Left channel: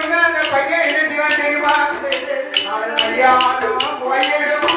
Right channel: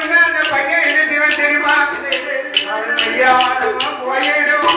அந்த பையன் என்ன செய்வான் தெரியுமா? ஐயா போயிடும்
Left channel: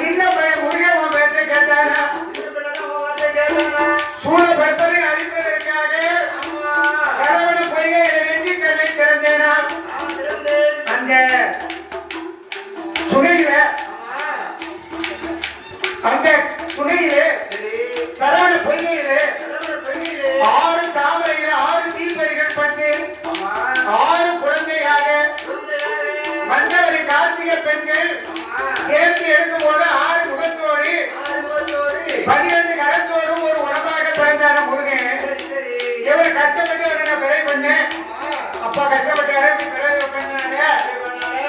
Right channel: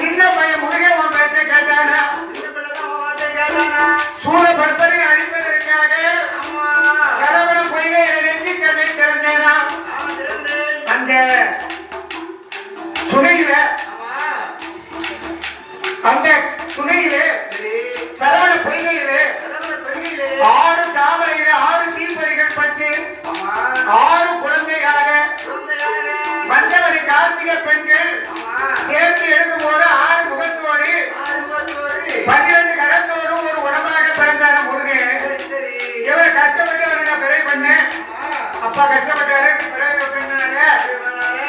சின்ன பையன் முருக உன் பேச்சை கேட்டானா? சூழப்படுத்தலை அழிப்பதற்காக சரவண பொய்கை நெஞ்சு கண்ணை திறந்தேனா? அந்த துணையில சரவண பொய்கையிலே 6 தாமரையில 6 தீப்பறிகள் பட்டு 6 குழந்தையாக மஞ்சவரி கார்த்திகை பெண்கள் சேர்த்து எடுக்கும் போது 6 முகத்தோடு 12 கரத்தோடு ஒரு உடம்பாக பிறந்தான முருகன். இவரை கஷ்டப்பட்டு நான் பிறை பண்ணேன். அப்பா கஷ்டப்பட்டாரு, பிறகு பண்ணாங்க.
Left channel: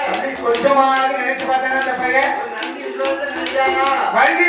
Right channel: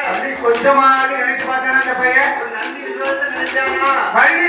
அப்படி கொஞ்சமாக நினைச்சு பார்த்தான அந்த பையன் வழி